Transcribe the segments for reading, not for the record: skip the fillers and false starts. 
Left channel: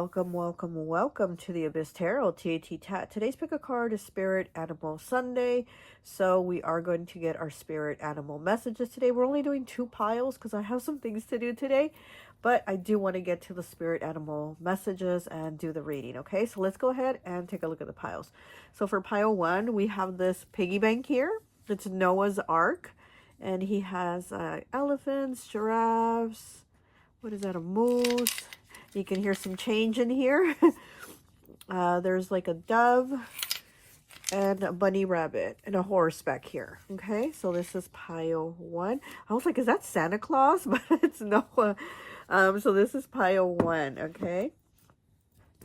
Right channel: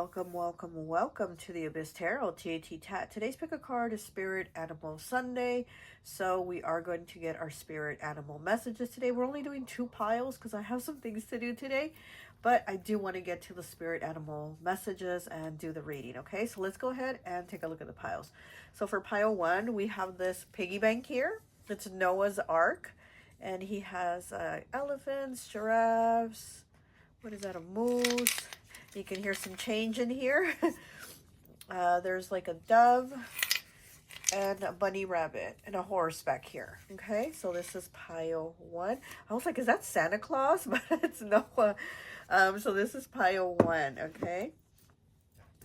welcome, welcome, welcome to the Abyss Tarot T.A.T. Today's pick a card is Spirit Animal Sunday. So we are going to get our Spirit Animal messages today. We're only doing 2 piles because I have some things to do today. But I do want to get to the Spirit Animal messages and do the reading, okay? So let's go ahead and take a look at the piles. So for pile 1, we have this piggy bank here. It's Noah's Ark. And he has elephants, giraffes. What is that, a moose? You can hear some change in here. There's like a dove and a bunny rabbit and a horse back here. Okay, so this is pile 1. I was like, is that Santa Claus? But it's Noah. So this is pile 1, okay?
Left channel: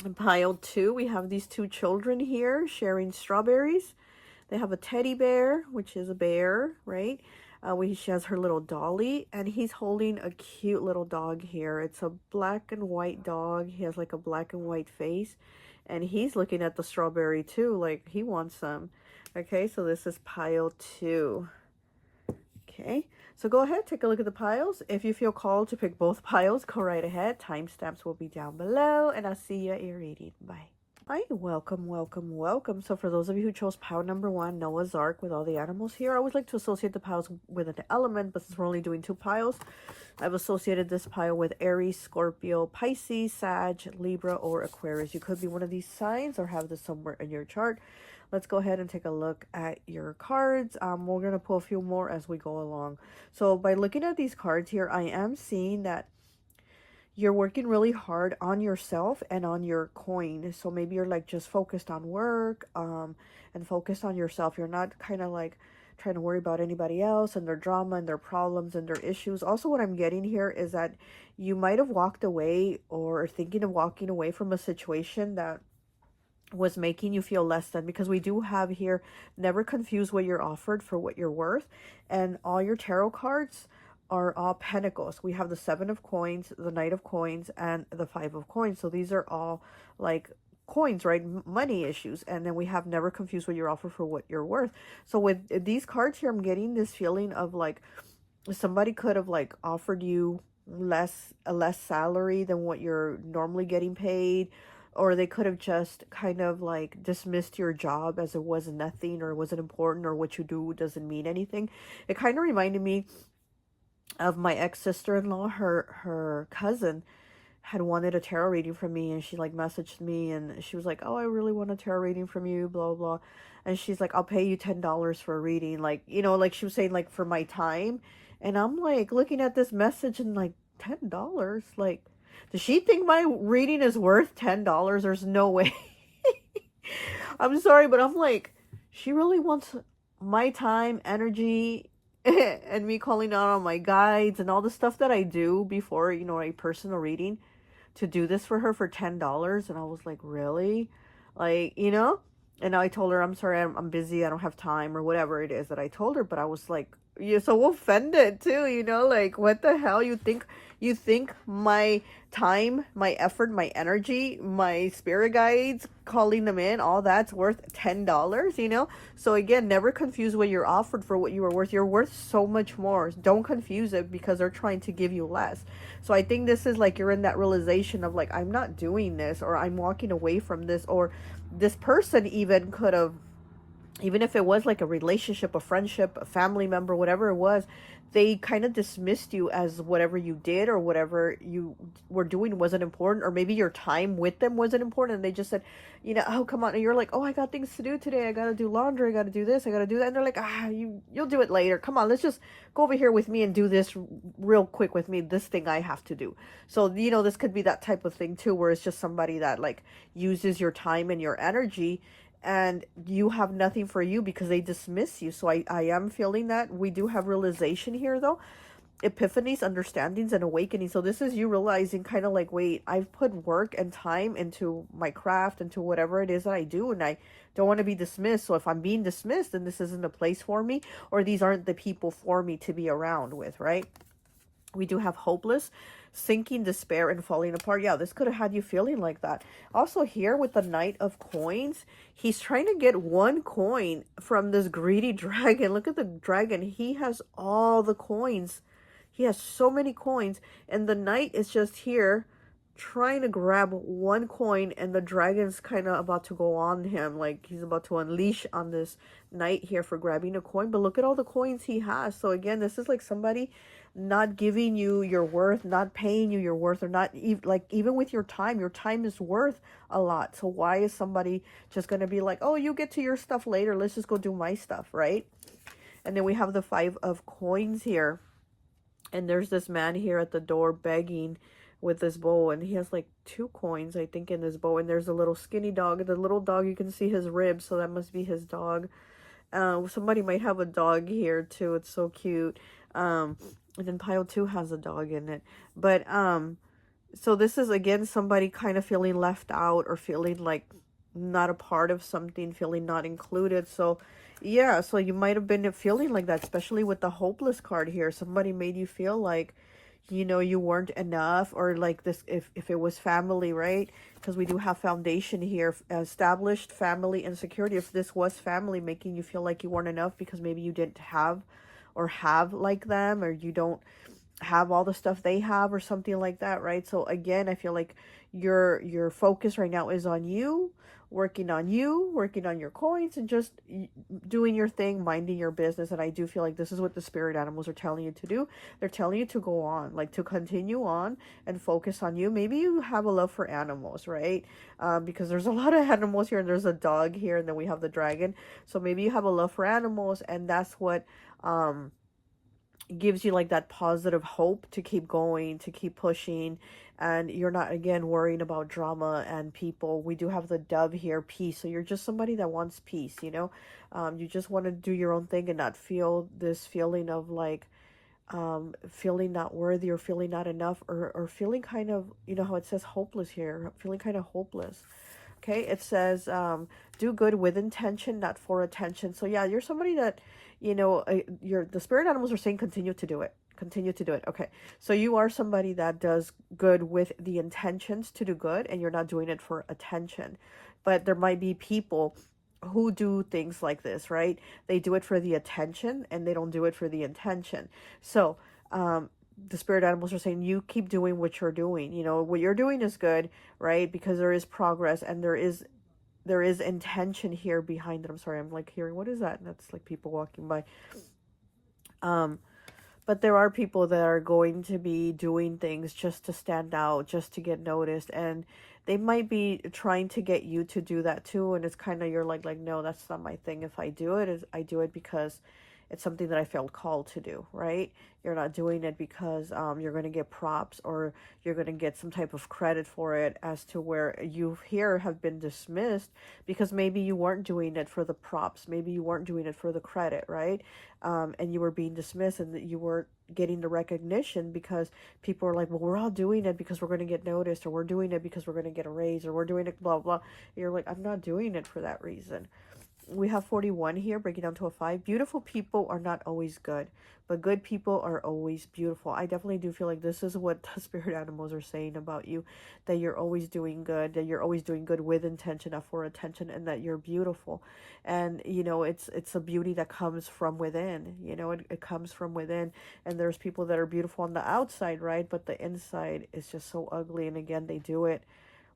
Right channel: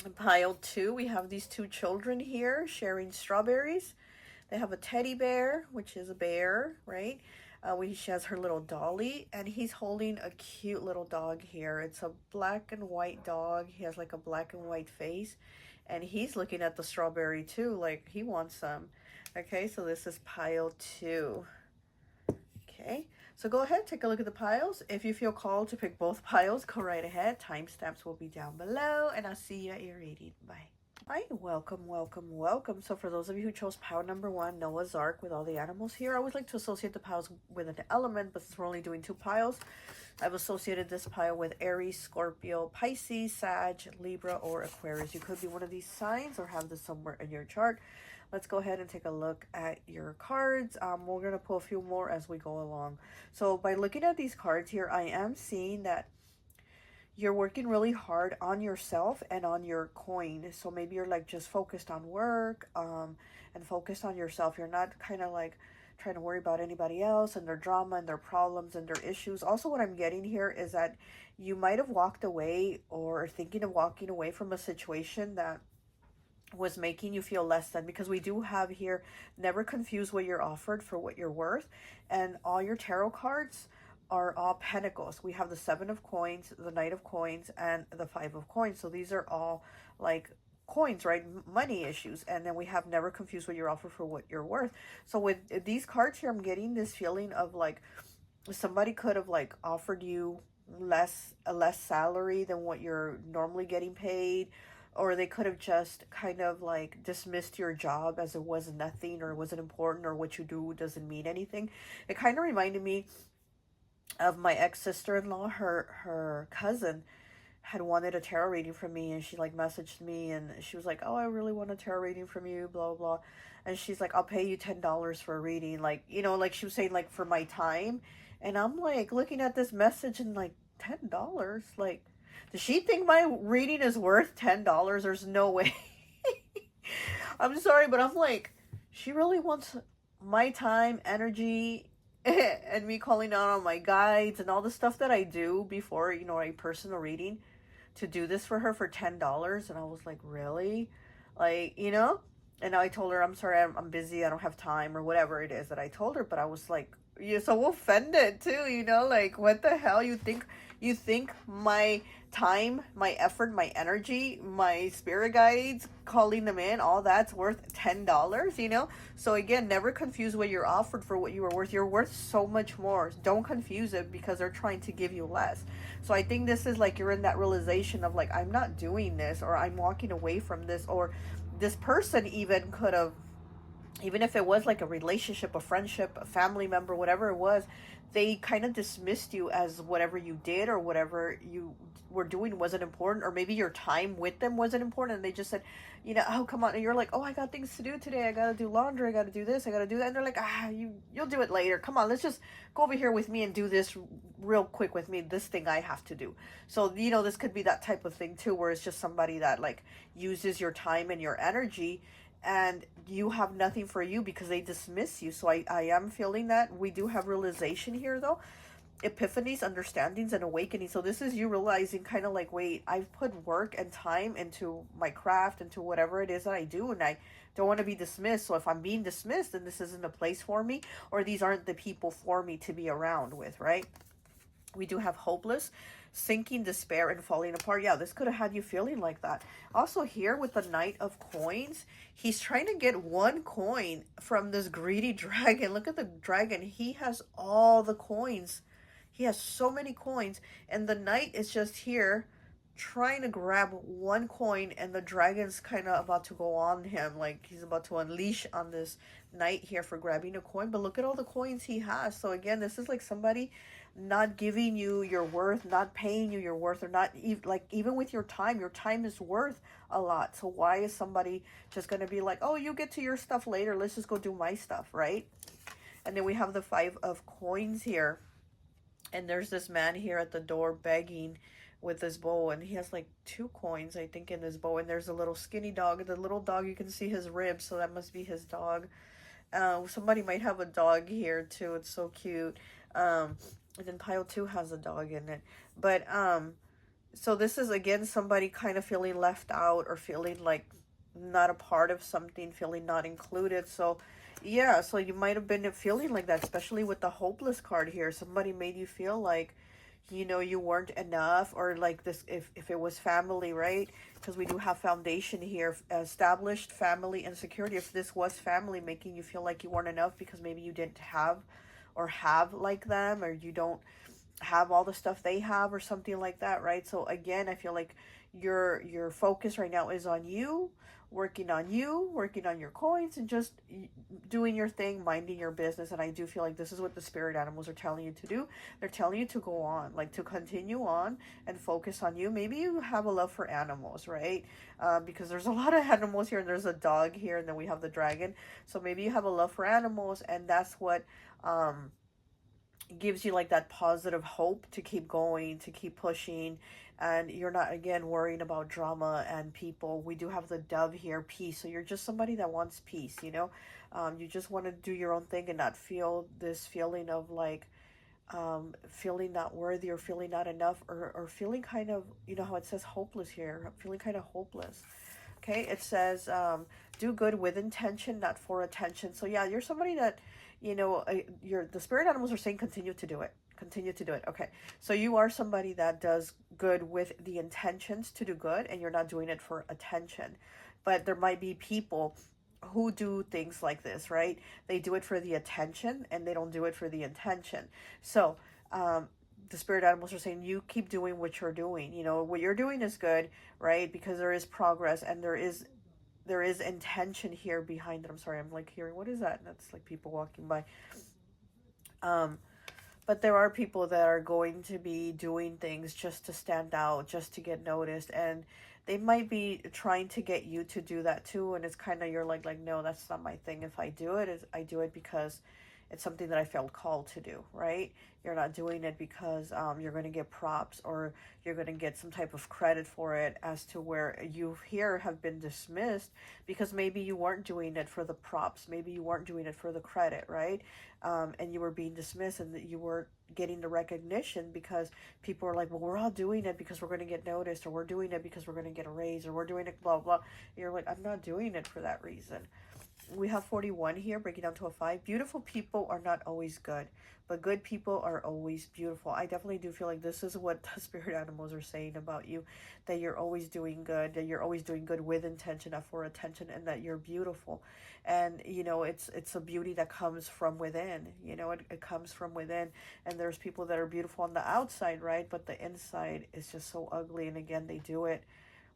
In pile 2, we have these 2 children here sharing strawberries. They have a teddy bear, which is a bear, right? She has her little dolly, and he's holding a cute little dog here. It's a black and white dog. He has like a black and white face, and he's looking at the strawberry too, like he wants some. Okay, so this is pile 2. Okay, so go ahead, take a look at the piles. If you feel called to pick both piles, go right ahead. Timestamps will be down below, and I'll see you at your reading. Bye. Hi, welcome, welcome, welcome. So for those of you who chose pile number 1, Noah's Ark, with all the animals here, I always like to associate the piles with an element, but since we're only doing 2 piles, I've associated this pile with Aries, Scorpio, Pisces, Sag, Libra, or Aquarius. You could be one of these signs or have this somewhere in your chart. Let's go ahead and take a look at your cards. We're going to pull a few more as we go along. So by looking at these cards here, I am seeing that you're working really hard on yourself and on your coin. So maybe you're like just focused on work and focused on yourself. You're not kind of like trying to worry about anybody else and their drama and their problems and their issues. Also, what I'm getting here is that you might have walked away or are thinking of walking away from a situation that was making you feel less than, because we do have here, never confuse what you're offered for what you're worth. And all your tarot cards are all pentacles. We have the 7 of coins, the Knight of coins, and the 5 of coins. So these are all like coins, right? Money issues. And then we have never confuse what you're offered for what you're worth. So with these cards here, I'm getting this feeling of like somebody could have like offered you a less salary than what you're normally getting paid, or they could have just kind of like dismissed your job as it was nothing or wasn't important, or what you do doesn't mean anything. It kind of reminded me of my ex-sister-in-law. Her cousin had wanted a tarot reading from me, and she like messaged me and she was like, oh, I really want a tarot reading from you, blah blah. And she's like, I'll pay you $10 for a reading, like, you know, like she was saying, like, for my time. And I'm like looking at this message and like, $10, like, does she think my reading is worth $10? There's no way. I'm sorry, but I'm like, she really wants my time, energy, and me calling out on my guides and all the stuff that I do before, you know, a personal reading, to do this for her for $10. And I was like, really? Like, you know? And I told her, I'm sorry, I'm busy, I don't have time, or whatever it is that I told her. But I was like, you're so offended too, you know, like, what the hell? You think my time, my effort, my energy, my spirit guides, calling them in, all that's worth $10, you know? So again, never confuse what you're offered for what you are worth. You're worth so much more. Don't confuse it because they're trying to give you less. So I think this is like, you're in that realization of like, I'm not doing this, or I'm walking away from this, or this person even could have, even if it was like a relationship, a friendship, a family member, whatever it was, they kind of dismissed you as whatever you did or whatever you were doing wasn't important, or maybe your time with them wasn't important, and they just said, you know, oh, come on. And you're like, oh, I got things to do today. I got to do laundry. I got to do this. I got to do that. And they're like, you'll do it later. Come on, let's just go over here with me and do this real quick with me, this thing I have to do. So, you know, this could be that type of thing too, where it's just somebody that like uses your time and your energy, and you have nothing for you because they dismiss you. So I am feeling that. We do have realization here though, epiphanies, understandings, and awakening. So this is you realizing kind of like, wait, I've put work and time into my craft, into whatever it is that I do, and I don't want to be dismissed. So if I'm being dismissed, then this isn't a place for me, or these aren't the people for me to be around with, right? We do have hopeless, sinking, despair, and falling apart. Yeah, this could have had you feeling like that. Also here with the Knight of coins, he's trying to get 1 coin from this greedy dragon. Look at the dragon. He has all the coins. He has so many coins, and the Knight is just here trying to grab one coin, and the dragon's kind of about to go on him, like he's about to unleash on this knight here for grabbing a coin. But look at all the coins he has. So again, this is like somebody not giving you your worth, not paying you your worth, or not like even with your time is worth a lot. So why is somebody just going to be like, oh, you get to your stuff later, let's just go do my stuff, right? And then we have the 5 of coins here, and there's this man here at the door begging with this bowl, and he has like 2 coins, I think, in his bowl. And there's a little skinny dog. The little dog, you can see his ribs, so that must be his dog. Somebody might have a dog here too. It's so cute. And then pile 2 has a dog in it. But so this is again somebody kind of feeling left out, or feeling like not a part of something, feeling not included. So yeah, so you might have been feeling like that, especially with the hopeless card here. Somebody made you feel like, you know, you weren't enough, or like this, if it was family, right? Because we do have foundation here, established family and security. If this was family making you feel like you weren't enough because maybe you didn't have like them, or you don't have all the stuff they have, or something like that, right? So again, I feel like your focus right now is on you, working on your coins, and just doing your thing, minding your business. And I do feel like this is what the spirit animals are telling you to do. They're telling you to go on, like to continue on and focus on you. Maybe you have a love for animals, right? Because there's a lot of animals here, and there's a dog here, and then we have the dragon. So maybe you have a love for animals, and that's what gives you like that positive hope to keep going, to keep pushing. And you're not, again, worrying about drama and people. We do have the dove here, peace. So you're just somebody that wants peace, you know. You just want to do your own thing and not feel this feeling of like feeling not worthy, or feeling not enough, or feeling kind of, you know how it says hopeless here, feeling kind of hopeless. Okay, it says do good with intention, not for attention. So yeah, you're somebody that, you know, the spirit animals are saying continue to do it. Continue to do it. Okay, so you are somebody that does good with the intentions to do good, and you're not doing it for attention. But there might be people who do things like this, right? They do it for the attention, and they don't do it for the intention. So the spirit animals are saying you keep doing what you're doing. You know, what you're doing is good, right? Because there is progress, and there is intention here behind it. I'm sorry, I'm like hearing, what is that? And that's like people walking by. But there are people that are going to be doing things just to stand out, just to get noticed, and they might be trying to get you to do that too. And it's kind of, you're like no, that's not my thing. If I do it, I do it because it's something that I felt called to do, right? You're not doing it because you're going to get props, or you're going to get some type of credit for it, as to where you here have been dismissed because maybe you weren't doing it for the props, maybe you weren't doing it for the credit, right? And you were being dismissed, and that you weren't getting the recognition because people are like, well, we're all doing it because we're going to get noticed, or we're doing it because we're going to get a raise, or we're doing it blah blah. You're like, I'm not doing it for that reason. We have 41 here, breaking down to a 5. Beautiful people are not always good, but good people are always beautiful. I definitely do feel like this is what the spirit animals are saying about you, that you're always doing good, that you're always doing good with intention, not for attention, and that you're beautiful. And, you know, it's a beauty that comes from within, you know, it comes from within. And there's people that are beautiful on the outside, right? But the inside is just so ugly. And again, they do it.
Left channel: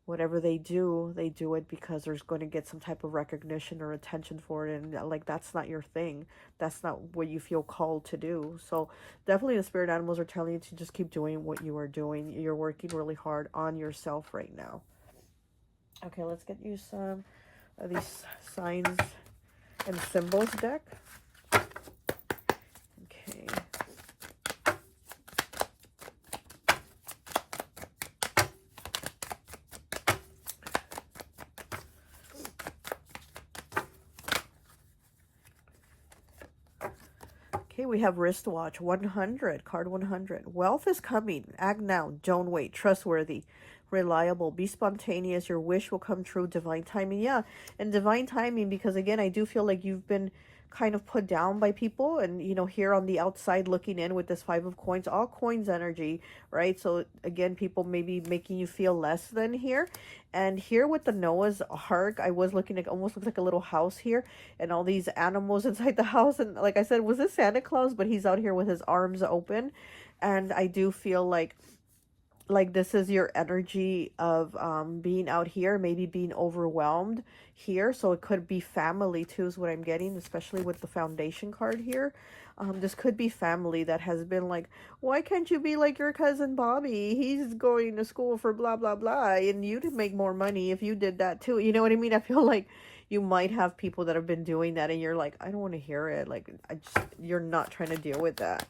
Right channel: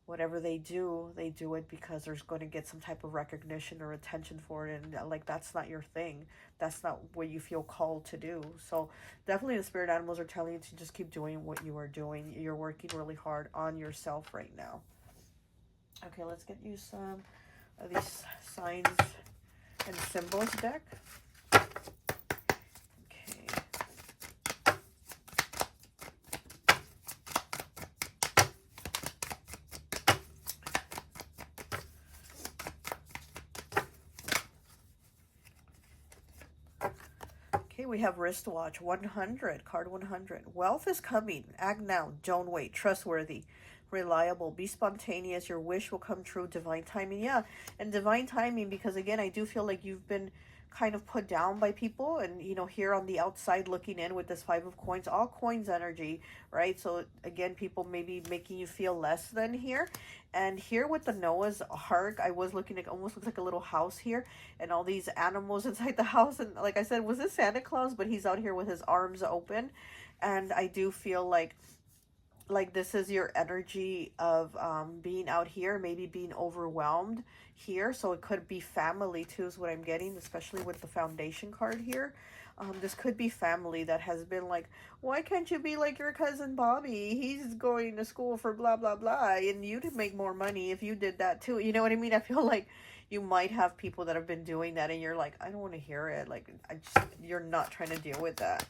Whatever they do it because there's going to get some type of recognition or attention for it. And like, that's not your thing. That's not what you feel called to do. So definitely the spirit animals are telling you to just keep doing what you are doing. You're working really hard on yourself right now. Okay, let's get you some of these signs and symbols deck. We have wristwatch 100, card 100. Wealth is coming. Act now. Don't wait. Trustworthy. Reliable. Be spontaneous. Your wish will come true. Divine timing. Yeah, and divine timing, because again, I do feel like you've been kind of put down by people, and you know, here on the outside looking in with this 5 of coins, all coins energy, right? So again, people maybe making you feel less than here. And here with the Noah's Ark, I was looking at, almost looks like a little house here, and all these animals inside the house. And like I said, was this Santa Claus? But he's out here with his arms open. And I do feel like like this is your energy of being out here, maybe being overwhelmed here. So it could be family too is what I'm getting, especially with the foundation card here. This could be family that has been like, why can't you be like your cousin Bobby? He's going to school for blah, blah, blah. And you'd make more money if you did that too. You know what I mean? I feel like you might have people that have been doing that and you're like, I don't want to hear it. Like, you're not trying to deal with that.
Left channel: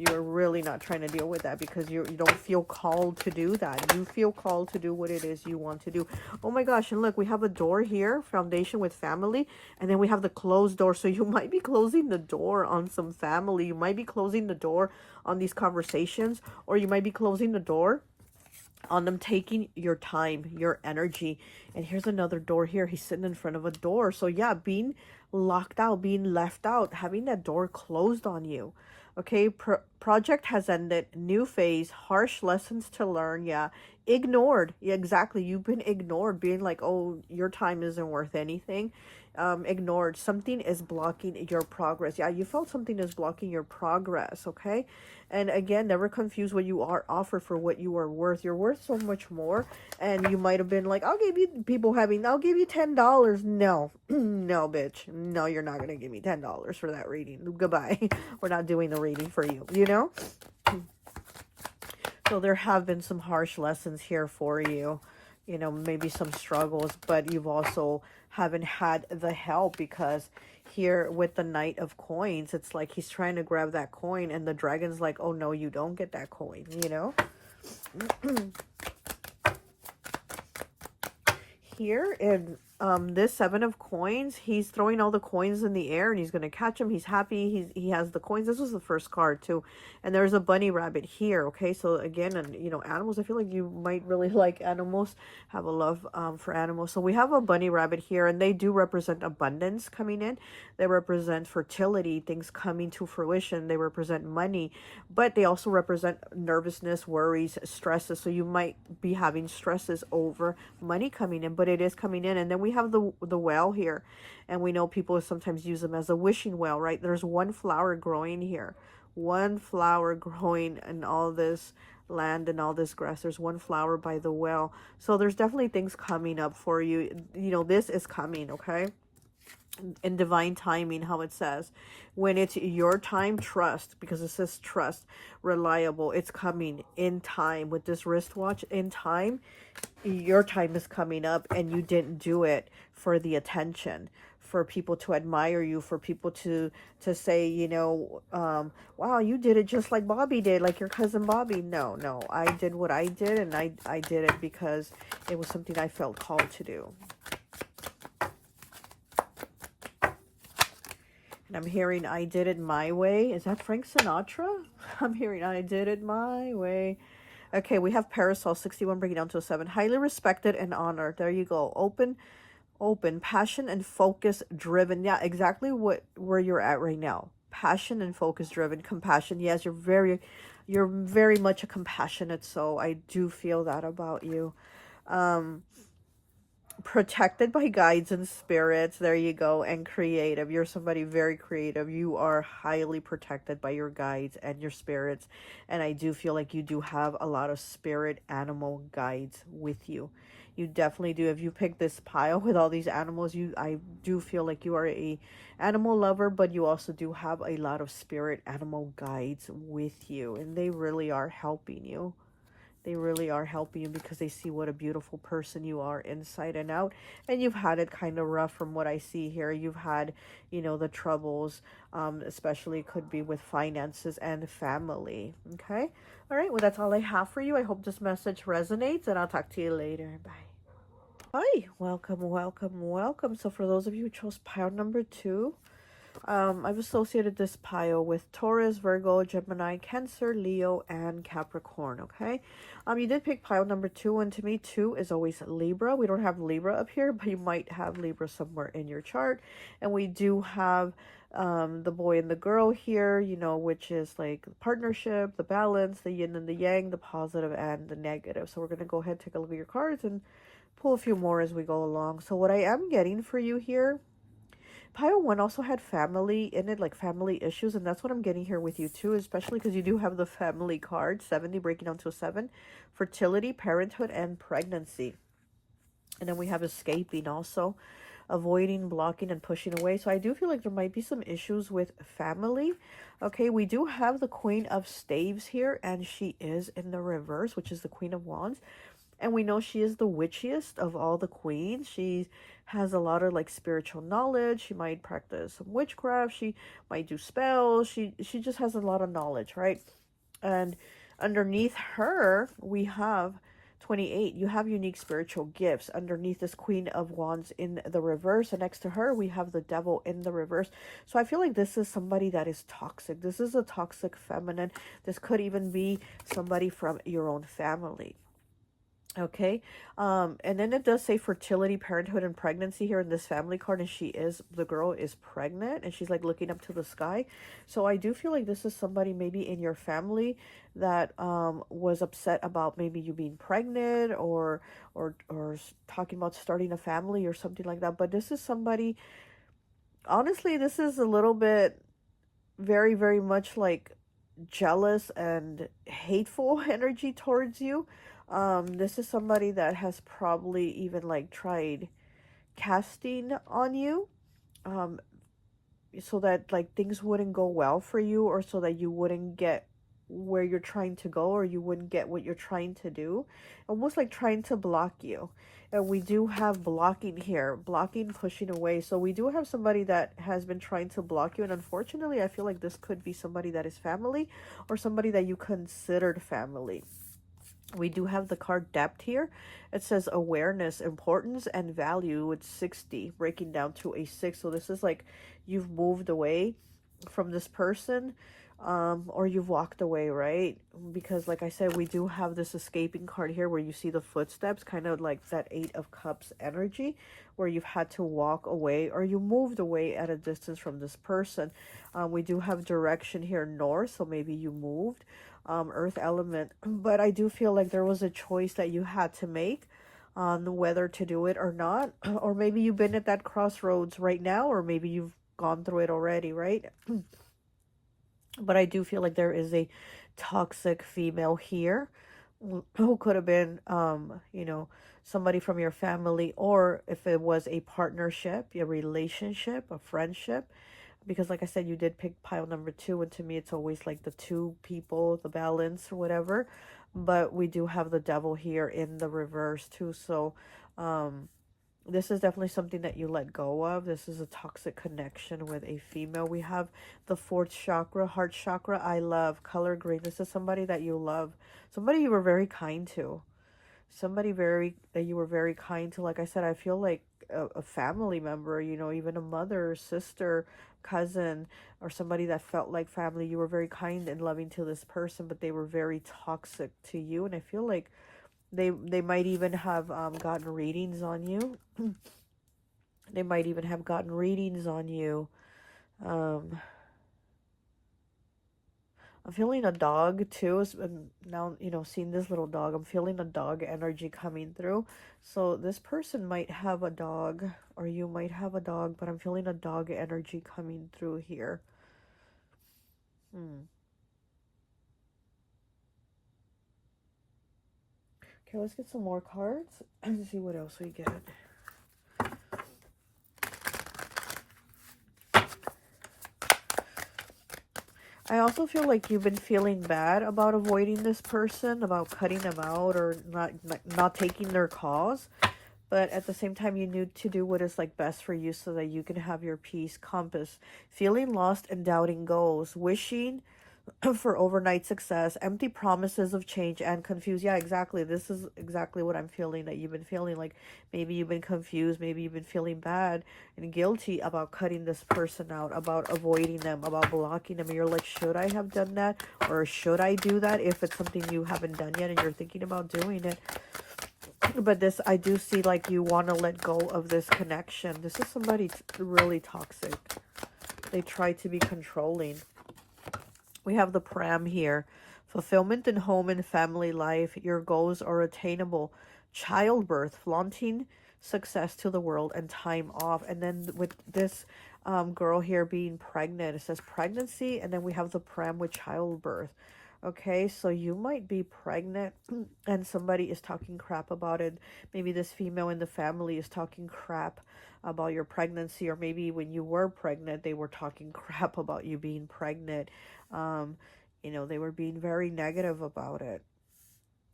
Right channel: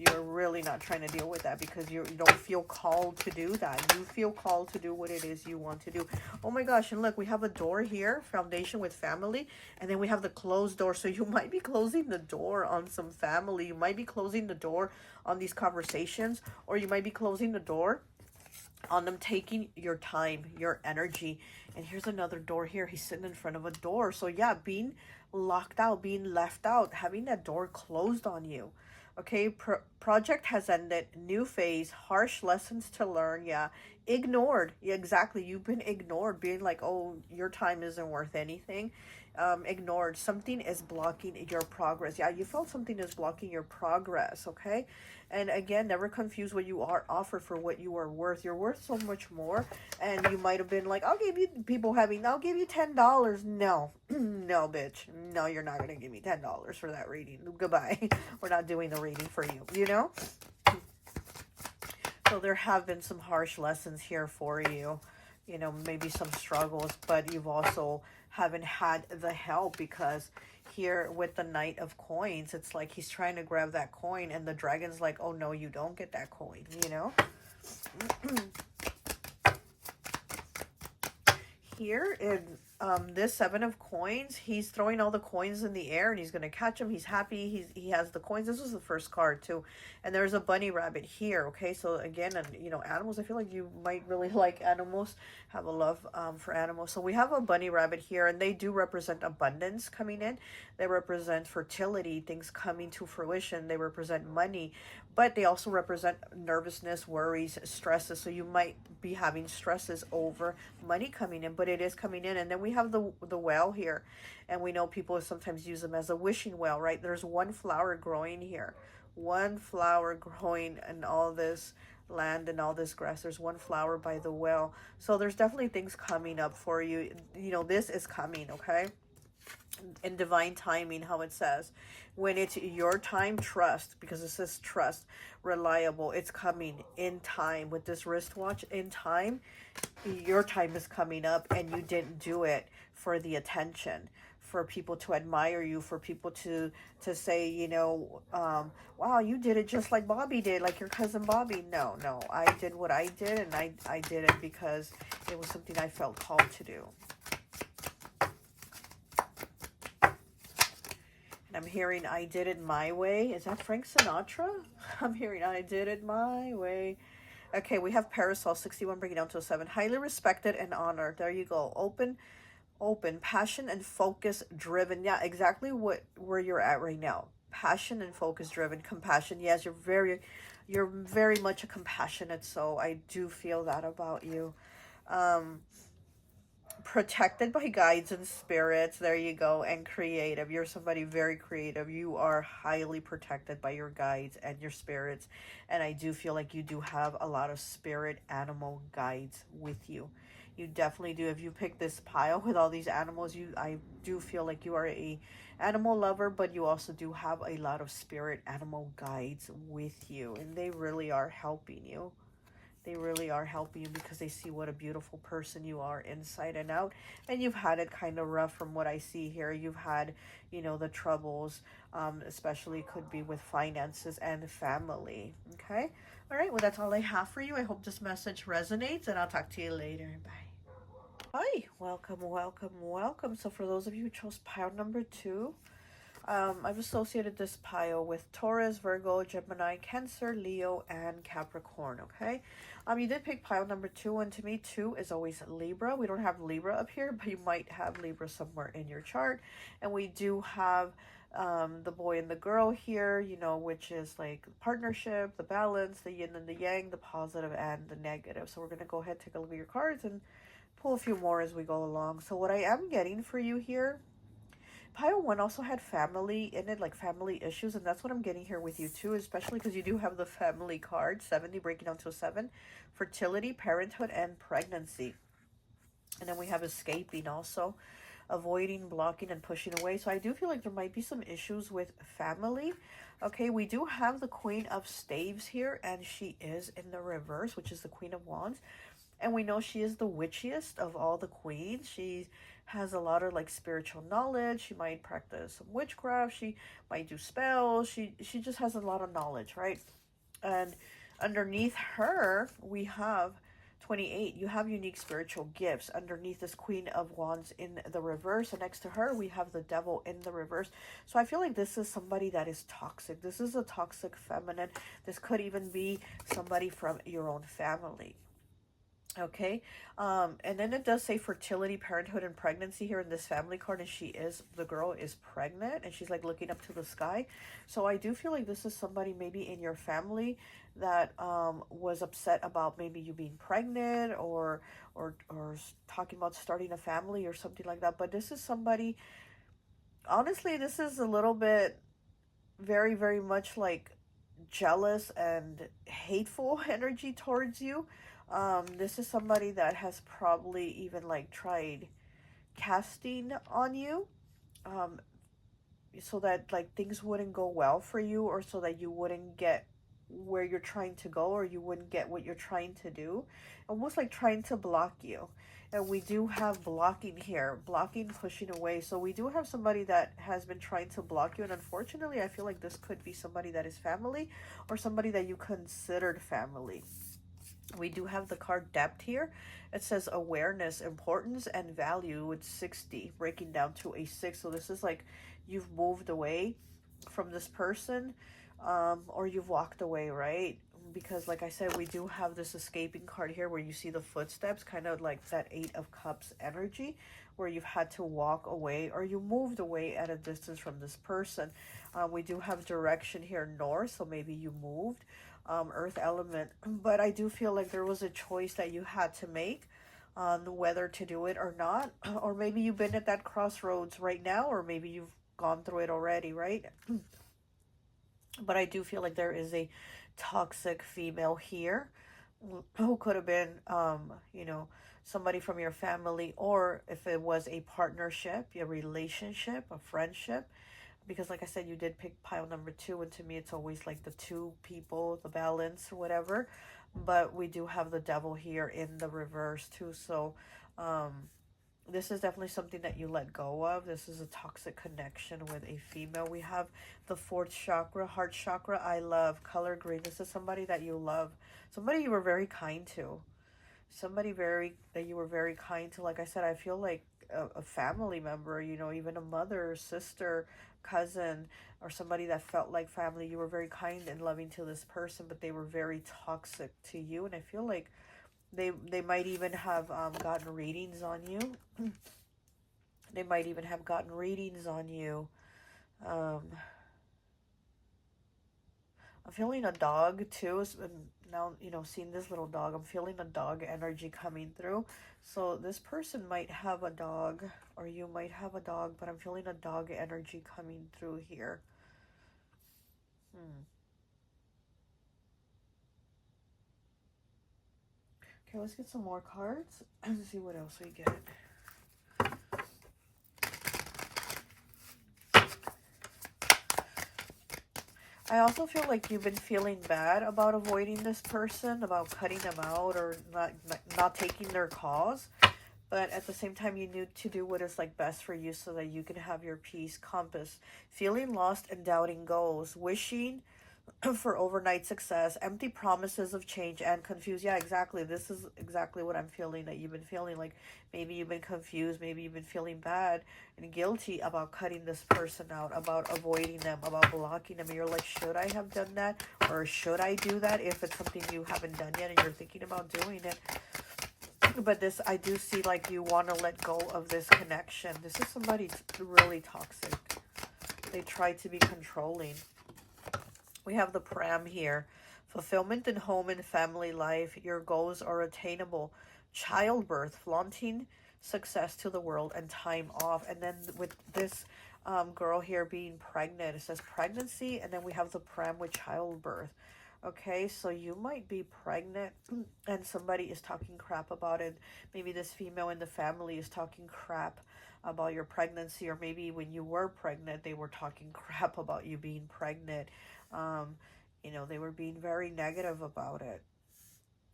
You're really not trying to deal with that because you don't feel called to do that. You feel called to do what it is you want to do. Oh my gosh, and look, we have a door here, foundation with family, and then we have the closed door. So you might be closing the door on some family. You might be closing the door on these conversations, or you might be closing the door on them taking your time, your energy. And here's another door here. He's sitting in front of a door. So yeah, being locked out, being left out, having that door closed on you. Okay, project has ended, new phase, harsh lessons to learn. Yeah, ignored. Yeah, exactly. You've been ignored, being like, oh, your time isn't worth anything. Ignored. Something is blocking your progress. Yeah, you felt something is blocking your progress. Okay, and again, never confuse what you are offered for what you are worth. You're worth so much more. And you might have been like, I'll give you, people having, I'll give you $10. No, no, bitch. No, you're not going to give me $10 for that reading. Goodbye. We're not doing the reading for you, you know? So there have been some harsh lessons here for you. You know, maybe some struggles, but you've also haven't had the help because here with the Knight of Coins, it's like he's trying to grab that coin and the dragon's like, oh no, you don't get that coin, you know? Here in this Seven of Coins, he's throwing all the coins in the air and he's going to catch them. He's happy. He has the coins. This was the first card too. And there's a bunny rabbit here. Okay, so again, and you know, animals, I feel like you might really like animals, have a love for animals. So we have a bunny rabbit here, and they do represent abundance coming in. They represent fertility, things coming to fruition. They represent money, but they also represent nervousness, worries, stresses. So you might be having stresses over money coming in, but it is coming in. And then we have the well here, and we know people sometimes use them as a wishing well, right? There's one flower growing here, one flower growing in all this land and all this grass. There's one flower by the well. So there's definitely things coming up for you. You know, this is coming, okay? In divine timing, how it says, when it's your time, trust, because it says trust, reliable, it's coming in time. With this wristwatch, in time, your time is coming up, and you didn't do it for the attention, for people to admire you, for people to say, you know, wow, you did it just like Bobby did, like your cousin Bobby. No, I did what I did, and I did it because it was something I felt called to do. And I'm hearing I did it my way. Is that Frank Sinatra? I'm hearing I did it my way. Okay, we have Parasol 61 bringing down to a 7. Highly respected and honored. There you go. Open, passion and focus driven. Yeah, exactly where you're at right now. Passion and focus driven. Compassion. Yes, you're very much a compassionate soul. I do feel that about you. Protected by guides and spirits. There you go. And creative. You're somebody very creative. You are highly protected by your guides and your spirits. And I do feel like you do have a lot of spirit animal guides with you. You definitely do. If you pick this pile with all these animals, I do feel like you are a animal lover, but you also do have a lot of spirit animal guides with you, and they really are helping you. They really are helping you because they see what a beautiful person you are inside and out. And you've had it kind of rough from what I see here. You've had, you know, the troubles, especially could be with finances and family. Okay. All right. Well, that's all I have for you. I hope this message resonates, and I'll talk to you later. Bye. Hi. Welcome. So for those of you who chose pile number 2, I've associated this pile with Taurus, Virgo, Gemini, Cancer, Leo, and Capricorn, okay? You did pick pile number 2, and to me, 2 is always Libra. We don't have Libra up here, but you might have Libra somewhere in your chart. And we do have the boy and the girl here, you know, which is like partnership, the balance, the yin and the yang, the positive and the negative. So we're going to go ahead and take a look at your cards and pull a few more as we go along. So what I am getting for you here, pile 1 also had family in it, like family issues, and that's what I'm getting here with you too, especially because you do have the family card, 70 breaking down to 7, fertility, parenthood, and pregnancy. And then we have escaping also, avoiding, blocking, and pushing away. So I do feel like there might be some issues with family. Okay, we do have the Queen of Staves here, and she is in the reverse, which is the Queen of Wands. And we know she is the witchiest of all the queens. She has a lot of like spiritual knowledge. She might practice some witchcraft. She might do spells. She just has a lot of knowledge, right? And underneath her, we have 28. You have unique spiritual gifts. Underneath this Queen of Wands in the reverse, and next to her, we have the Devil in the reverse. So I feel like this is somebody that is toxic. This is a toxic feminine. This could even be somebody from your own family. Okay, and then it does say fertility, parenthood, and pregnancy here in this family card, and the girl is pregnant, and she's like looking up to the sky. So I do feel like this is somebody maybe in your family that was upset about maybe you being pregnant, or talking about starting a family or something like that. But this is somebody, honestly, this is a little bit very, very much like jealous and hateful energy towards you. This is somebody that has probably even like tried casting on you, so that like things wouldn't go well for you, or so that you wouldn't get where you're trying to go, or you wouldn't get what you're trying to do, almost like trying to block you. And we do have blocking here, blocking, pushing away. So we do have somebody that has been trying to block you, and unfortunately I feel like this could be somebody that is family, or somebody that you considered family. We do have the card depth here. It says awareness, importance, and value with 60, breaking down to a 6. So this is like you've moved away from this person, or you've walked away, right? Because like I said, we do have this escaping card here where you see the footsteps, kind of like that 8 of Cups energy, where you've had to walk away, or you moved away at a distance from this person. We do have direction here, north, so maybe you moved. Earth element, but I do feel like there was a choice that you had to make on whether to do it or not. Or maybe you've been at that crossroads right now, or maybe you've gone through it already, right? But I do feel like there is a toxic female here who could have been, you know, somebody from your family, or if it was a partnership, a relationship, a friendship. Because like I said, you did pick pile number 2, and to me it's always like the 2 people, the balance or whatever. But we do have the Devil here in the reverse too. So this is definitely something that you let go of. This is a toxic connection with a female. We have the 4th chakra, heart chakra, I love, color green. This is somebody that you love, somebody you were very kind to, somebody that you were very kind to. Like I said, I feel like a family member, you know, even a mother, sister, cousin, or somebody that felt like family. You were very kind and loving to this person, but they were very toxic to you. And I feel like they might even have gotten readings on you. They might even have gotten readings on you. I'm feeling a dog too. Now, you know, seeing this little dog, I'm feeling a dog energy coming through. So this person might have a dog, or you might have a dog, but I'm feeling a dog energy coming through here. Okay, let's get some more cards and see what else we get. I also feel like you've been feeling bad about avoiding this person, about cutting them out, or not taking their calls. But at the same time, you need to do what is like best for you so that you can have your peace. Compass, feeling lost and doubting goals, wishing for overnight success, empty promises of change, and confused. Yeah, exactly. This is exactly what I'm feeling, that you've been feeling. Like maybe you've been confused, maybe you've been feeling bad and guilty about cutting this person out, about avoiding them, about blocking them. And you're like, should I have done that, or should I do that? If it's something you haven't done yet and you're thinking about doing it. But this, I do see like you want to let go of this connection. This is somebody really toxic. They try to be controlling. We have the pram here. Fulfillment in home and family life. Your goals are attainable. Childbirth, flaunting success to the world, and time off. And then with this girl here being pregnant. It says pregnancy, and then we have the pram with childbirth. Okay, so you might be pregnant and somebody is talking crap about it. Maybe this female in the family is talking crap about your pregnancy, or maybe when you were pregnant, they were talking crap about you being pregnant. Um, you know, they were being very negative about it.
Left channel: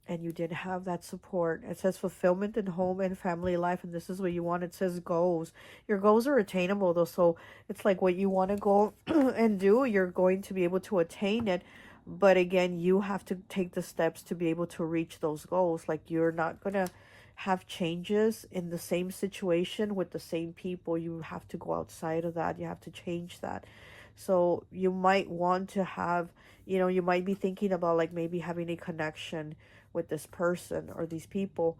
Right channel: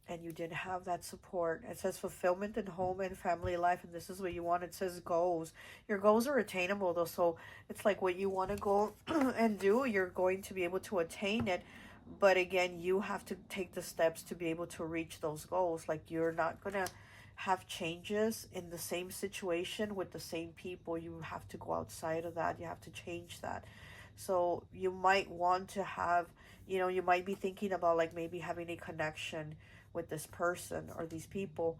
And you didn't have that support. It says fulfillment in home and family life, and this is what you want. It says goals. Your goals are attainable, though, so it's like what you want to go and do, you're going to be able to attain it. But again, you have to take the steps to be able to reach those goals. Like, you're not going to have changes in the same situation with the same people. You have to go outside of that. You have to change that. So you might want to have, you know, you might be thinking about like maybe having a connection with this person or these people,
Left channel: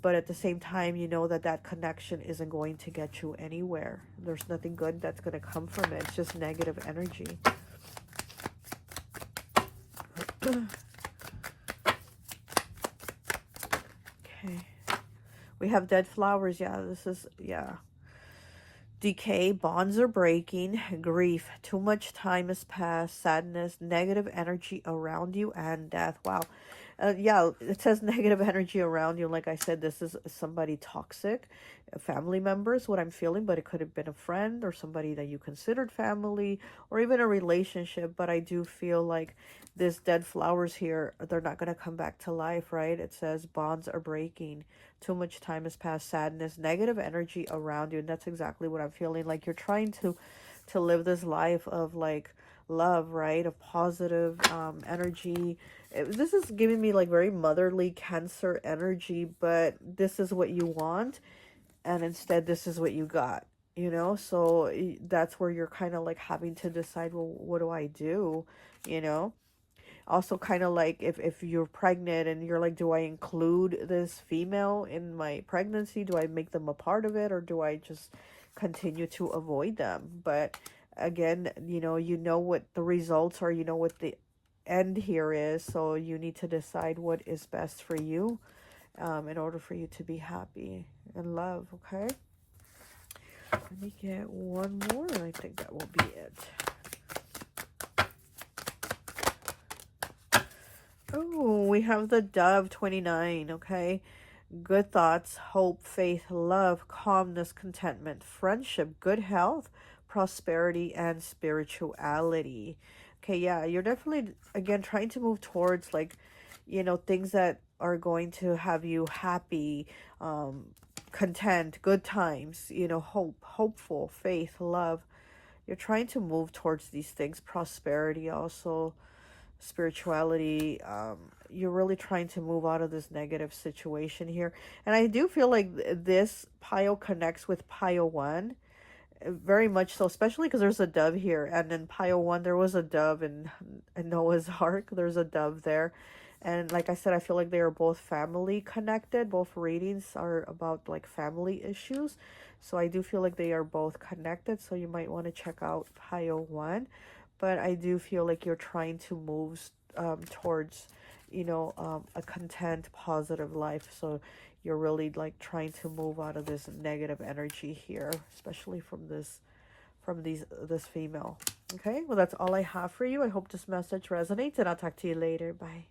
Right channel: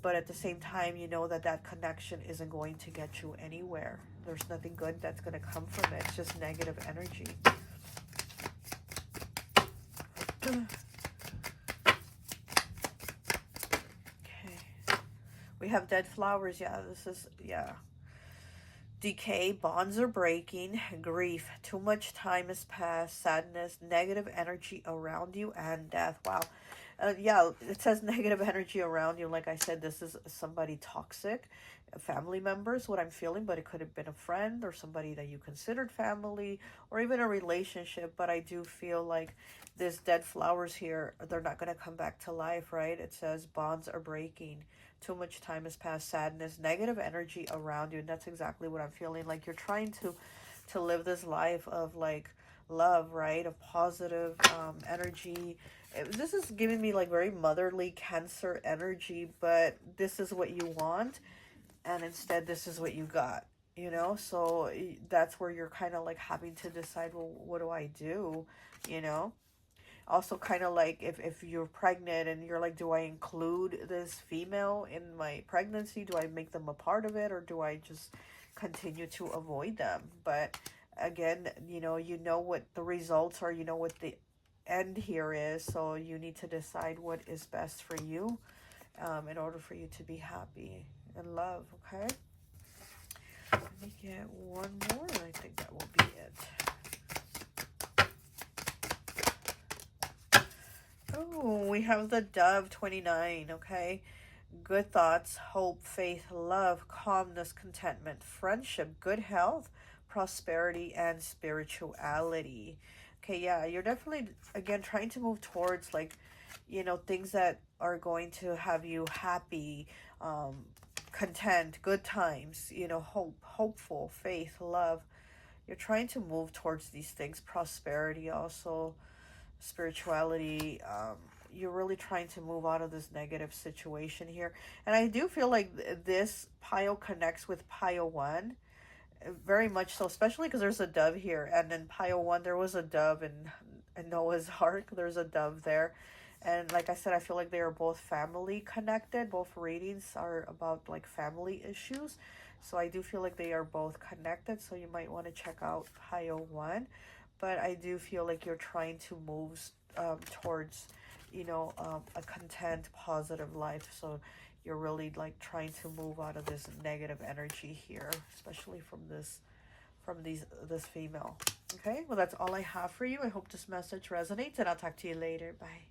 but at the same time, you know that that connection isn't going to get you anywhere. There's nothing good that's going to come from it. It's just negative energy. Okay. We have dead flowers. Yeah, this is, yeah. Decay, bonds are breaking, grief, too much time has passed, sadness, negative energy around you, and death. Wow. Yeah, it says negative energy around you. Like I said, this is somebody toxic, family members, what I'm feeling, but it could have been a friend or somebody that you considered family, or even a relationship. But I do feel like this dead flowers here, they're not going to come back to life, right? It says bonds are breaking. Too much time has passed, sadness, negative energy around you. And that's exactly what I'm feeling. Like, you're trying to live this life of like love, right? Of positive energy. This is giving me like very motherly Cancer energy, but this is what you want. And instead, this is what you got, you know? So that's where you're kind of like having to decide, well, what do I do? You know? Also kind of like if you're pregnant and you're like, do I include this female in my pregnancy? Do I make them a part of it, or do I just continue to avoid them? But again, you know what the results are, you know what the end here is, so you need to decide what is best for you in order for you to be happy and love. Okay, let me get one more. I think that will be it. Oh, we have the Dove 29, okay? Good thoughts, hope, faith, love, calmness, contentment, friendship, good health, prosperity, and spirituality. Okay, yeah, you're definitely, again, trying to move towards, like, you know, things that are going to have you happy, content, good times, you know, hope, hopeful, faith, love. You're trying to move towards these things, prosperity also, spirituality. You're really trying to move out of this negative situation here, and I do feel like this pile connects with pile 1 very much so, especially because there's a dove here, and in pile 1 there was a dove, in Noah's Ark there's a dove there. And like I said, I feel like they are both family connected. Both readings are about like family issues, so I do feel like they are both connected, so you might want to check out pile 1. But I do feel like you're trying to move towards, you know, a content, positive life. So you're really like trying to move out of this negative energy here, especially from this female. Okay, well, that's all I have for you. I hope this message resonates, and I'll talk to you later. Bye.